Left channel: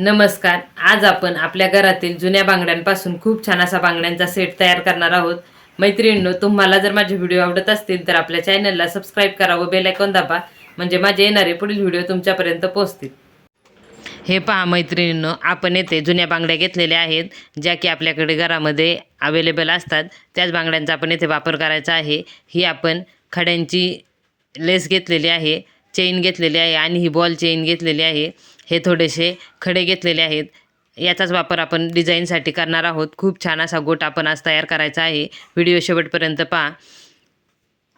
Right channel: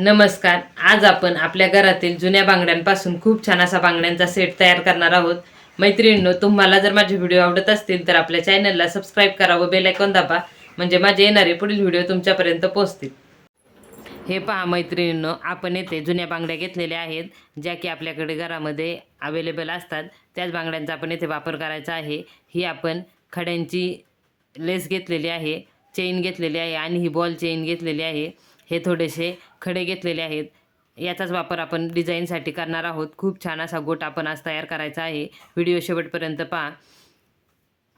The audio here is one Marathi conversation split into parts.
नमस्कार. आज आपण आपल्या घरातील जुन्या बांगड्यांपासून खूप छान असा बांगड्यांचा सेट तयार करणार आहोत. मैत्रिणींनो तुम्हाला जर माझे व्हिडिओ आवडत असतील तर आपल्या चॅनलला सबस्क्राईब करा व बेलायकॉन दाबा म्हणजे माझे येणारे पुढील व्हिडिओ तुमच्यापर्यंत पोहोचतील. हे पहा मैत्रिणींनो आपण येथे जुन्या बांगड्या घेतलेल्या आहेत ज्या की आपल्याकडे घरामध्ये अवेलेबल असतात. त्याच बांगड्यांचा आपण येथे वापर करायचा आहे. ही आपण खड्यांची लेस घेतलेली आहे चेन घेतलेली आहे आणि ही बॉल चेन घेतलेली आहे. हे थोडेसे खडे घेतलेले आहेत. याचाच वापर आपण डिझाईनसाठी करणार आहोत. खूप छान असा गोट आपण आज तयार करायचा आहे. व्हिडिओ शेवटपर्यंत पहा.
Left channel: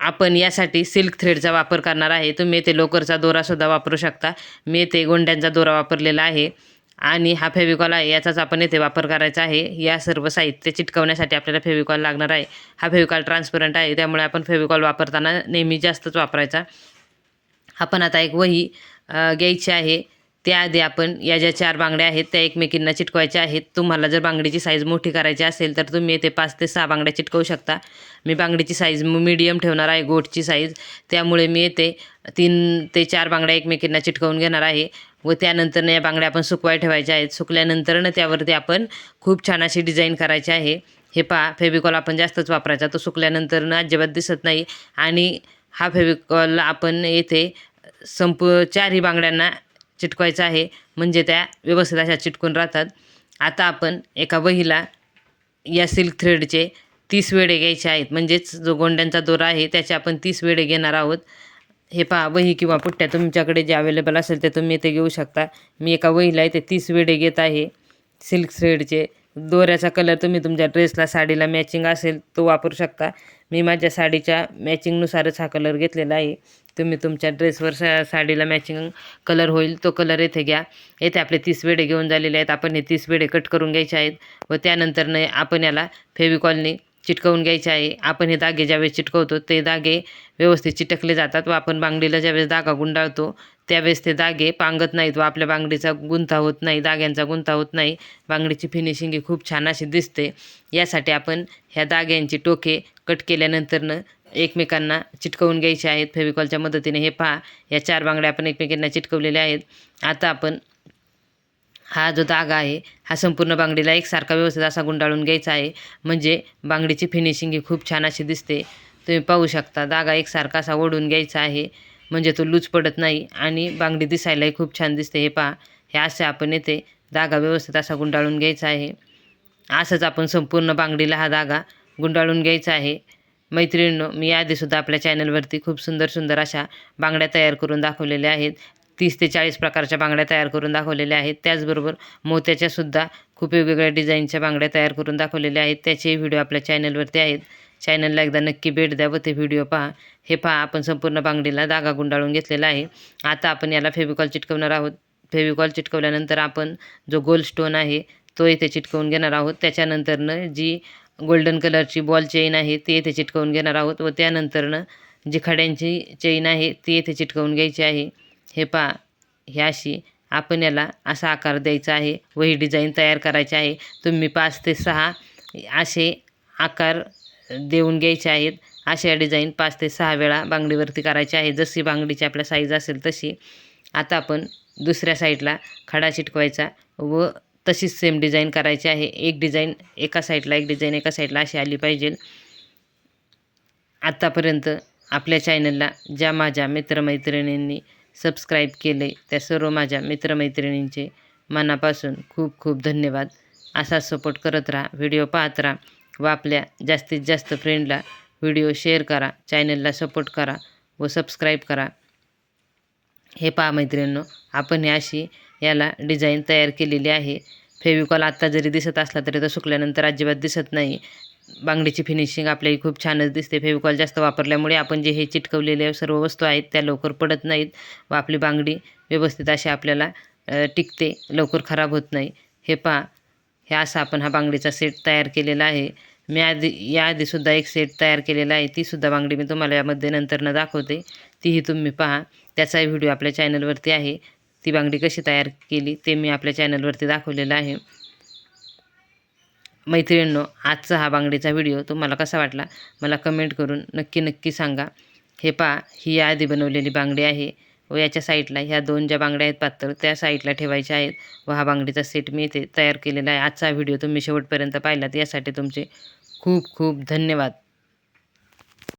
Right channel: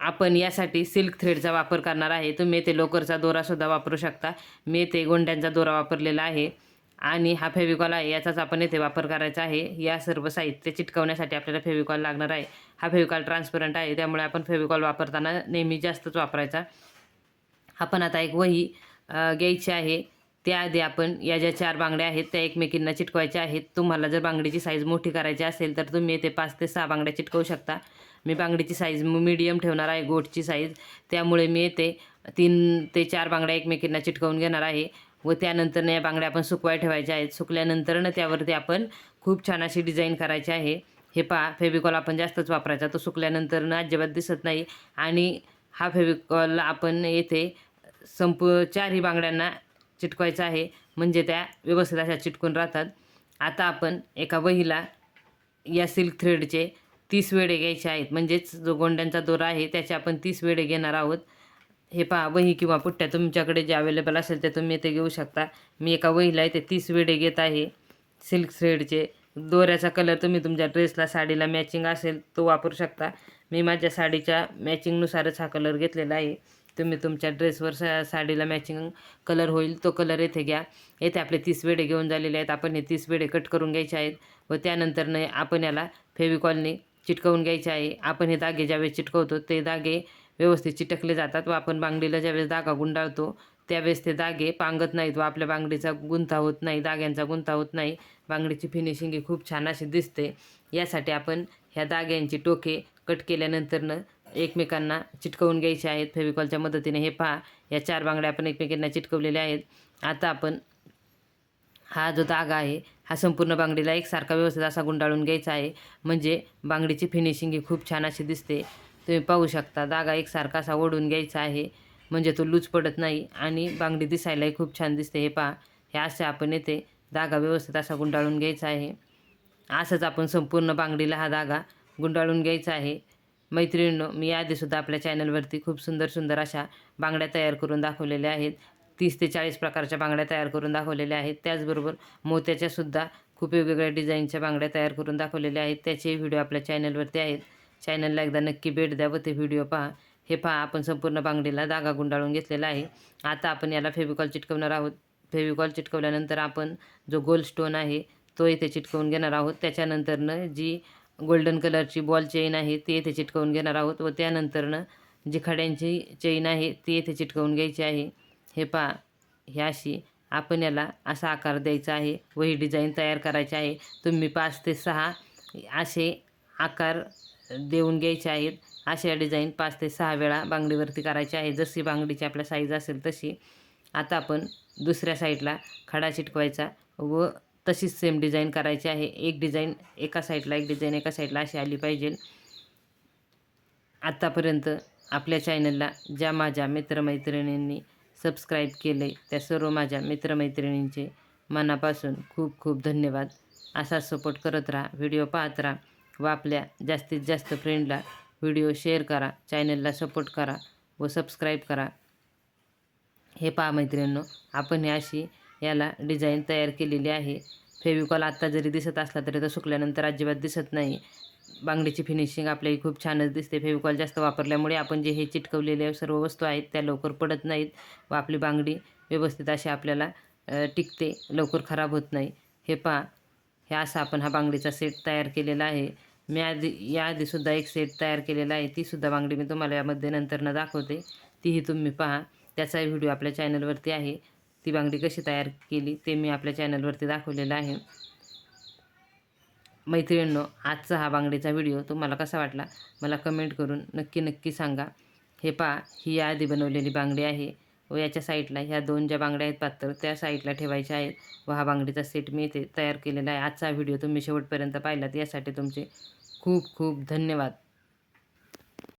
आपण यासाठी सिल्क थ्रेडचा वापर करणार आहे. तुम्ही येथे लोकरचा दोरासुद्धा वापरू शकता. मी येथे गोंड्यांचा दोरा वापरलेला आहे. आणि हा फेविकॉल आहे. याचाच आपण येथे वापर करायचा आहे. या सर्व साहित्य चिटकवण्यासाठी आपल्याला फेविकॉल लागणार आहे. हा फेविकॉल ट्रान्सपरंट आहे. त्यामुळे आपण फेविकॉल वापरताना नेहमी जास्तच वापरायचा. आपण आता एक वही घ्यायची आहे. त्याआधी आपण या ज्या चार बांगड्या आहेत त्या एकमेकींना चिटकवायच्या आहेत. तुम्हाला जर बांगडीची साईज मोठी करायची असेल तर तुम्ही येथे पाच ते सहा बांगड्या चिटकवू शकता. मी बांगडीची साईज मीडियम ठेवणार आहे गोटची साईज त्यामुळे मी येथे तीन ते चार बांगड्या एकमेकींना चिटकवून घेणार आहे. व त्यानंतर या बांगड्या आपण सुकवाय ठेवायच्या आहेत. सुकल्यानंतरनं त्यावरती आपण खूप छान अशी डिझाईन करायची आहे. हे पहा फेविकॉल आपण जास्तच वापरायचा. तो सुकल्यानंतरनं अजिबात दिसत नाही. आणि हा फेविकॉल आपण येथे संपू चारही बांगड्यांना चिटकवायचं आहे. म्हणजे त्या व्यवस्थित अशा चिटकून राहतात. आता आपण एका वहीला या सिल्क थ्रेडचे तीस वेडे घ्यायचे आहेत. म्हणजेच जो गोंड्यांचा दोरा आहे त्याचे आपण तीस वेडे घेणार आहोत. हे पहा वही किंवा पुट्ट्या तुमच्याकडे जे अवेलेबल असेल ते तुम्ही इथे घेऊ शकता. मी एका वहीला इथे तीस वेडे घेत आहे. सिल्क थ्रेडचे दोऱ्याचा कलर तुम्ही तुमच्या ड्रेसला साडीला मॅचिंग असेल तो वापरू शकता. मी माझ्या साडीच्या मॅचिंगनुसारच हा कलर घेतलेला आहे. तुम्ही तुमच्या ड्रेसवर सा साडीला मॅचिंग कलर होईल तो कलर येथे घ्या. येथे आपले तीस वेडे घेऊन झालेले आहेत. आपण हे तीस वेडे कट करून घ्यायचे आहेत. व त्यानंतरनं आपण याला फेविकॉलने चिटकवून घ्यायचे आहे. आपण हे धागे ज्यावेळेस चिटकवतो ते धागे व्यवस्थित चिटकले जातात व आपण बांगडीला ज्यावेळेस धागा गुंडाळतो त्यावेळेस ते धागे पांगत नाहीत व आपल्या बांगडीचा गुंता होत नाही दाग्यांचा गुंता होत नाही. बांगडीची फिनिशिंग ही खूप छान अशी दिसते. यासाठी आपण ह्या धाग्यांची टोके कट केल्यानंतरनं एकमेकांना चिटकवून घ्यायचे आहेत. फेविकॉलच्या मदतीने हे पहा. या चार बांगड्या आपण एकमेकांना चिटकवलेल्या आहेत. आता आपण हा जो धागा आहे हा संपूर्ण बांगडीला एकसारखा व्यवस्थित असा गुंडाळून घ्यायचा आहे. म्हणजे बांगडीची फिनिशिंग ही खूप छान अशी दिसते. तुम्ही पाहू शकता धागा एकसारखा असा ओढून घ्यायचा आहे. म्हणजे तो लूज पडत नाही आणि बांगडी दिसायलाही खूप छान दिसते. हे पहा हे असे आपण येते धागा व्यवस्थित असा गुंडाळून घ्यायचा आहे. असंच आपण संपूर्ण बांगडीला हा धागा गुंडाळून घ्यायचा आहे. मैत्रिणींनो मी आधीसुद्धा आपल्या चॅनलवरती खूप सुंदर सुंदर अशा बांगड्या तयार करून दाखवलेल्या आहेत. तीस ते चाळीस प्रकारच्या बांगड्या तयार करून दाखवलेल्या आहेत. त्याचबरोबर मोत्याच्यासुद्धा खूप वेगवेगळ्या डिझाईनच्या बांगड्या तयार करून दाखवलेल्या आहेत. त्याचेही व्हिडिओ आपल्या चॅनलवरती आहेत. चॅनलला एकदा नक्की भेट द्या व ते व्हिडिओ पहा. हे पहा आपण संपूर्ण बांगडीला धागा गुंडाळून घेतलेला आहे. आता आपण याला फेविकॉल चिटकवणार आहोत. फेविकॉल चिटकवल्यानंतर आपण जो गोल स्टोन आहे तो इथे चिटकवून घेणार आहोत. त्याच्यानंतरनं जी गोल्डन कलरची बॉल चेन आहे ती येथे चिटकवून घेणार आहोत व त्यानंतरनं जी खड्यांची चेन आहे ती येथे चिटकवून घ्यायची आहे. हे पहा ह्या अशी आपण याला असा आकार द्यायचा आहे व ही डिझाईन तयार करायची आहे. तुम्ही पाच ते सहा असे आकार देऊन घ्यायचे आहेत. अशा डिझाईन पाच ते सहा वेळा बांगडीवरती करायची आहे. जशी बांगडीची आपल्या साईज असेल तशी. आता आपण दुसऱ्या साईडला खडा चिटकवायचा व तशीच सेम डिझाईन करायची आहे. एक डिझाईन एका साईडला एक डिझाईन एका साईडला अशी आली पाहिजे. आत्तापर्यंत आपल्या चॅनलला ज्या माझ्या मित्रमैत्रिणींनी सबस्क्राईब केले त्या सर्व माझ्या मित्रमैत्रिणींचे मनापासून खूप खूप धन्यवाद. असा सपोर्ट करत राहा व्हिडिओ पाहत राहा व आपल्या जास्तीत जास्त फ्रेंडला व्हिडिओ शेअर करा चॅनलला सपोर्ट करा व सबस्क्राईब करा. हे पहा मैत्रिणींनो आपण हे अशी याला डिझाईन तयार केलेली आहे. फेविकॉल आत्ता जरी दिसत असला तरी तो सुकल्यानंतर अजिबात दिसत नाही. बांगडीची फिनिशिंग आपल्याही खूप छानच दिसते. फेविकॉल जास्त वापरल्यामुळे आपण जे हे चिटकवलेल्या सर्व वस्तू आहेत त्या लवकर पडत नाहीत व आपली बांगडी व्यवस्थित अशी आपल्याला टिकते लवकर खराब होत नाही. हे पहा हे असा आपण हा बांगडीचा सेट तयार केलेला आहे. मी आधी याआधीसुद्धा एक सेट तयार केलेला आहे. तीसुद्धा बांगडी मी तुम्हाला यामध्ये नंतरनं दाखवते. तीही तुम्ही पहा. त्याचाही व्हिडिओ आपल्या चॅनलवरती आहे. ती बांगडी कशी तयार केली ते मी आपल्या चॅनलवरती दाखवलेलं आहे. मैत्रिणींनो आजचा हा बांगडीचा व्हिडिओ तुम्हाला कसा वाटला मला कमेंट करून नक्की नक्की सांगा. हे पहा ही याआधी बनवलेली बांगडी आहे व याच्या साईडला ह्या दोन ज्या बांगड्या आहेत पातळ त्या साईडला ठेवायच्या आहेत व हा बांगडीचा सेट मी इथे तयार केलेला आहे. आजचा व्हिडिओ तुम्ही शेवटपर्यंत पाहिलात यासाठी तुमचे खूप खूप धन्यवाद.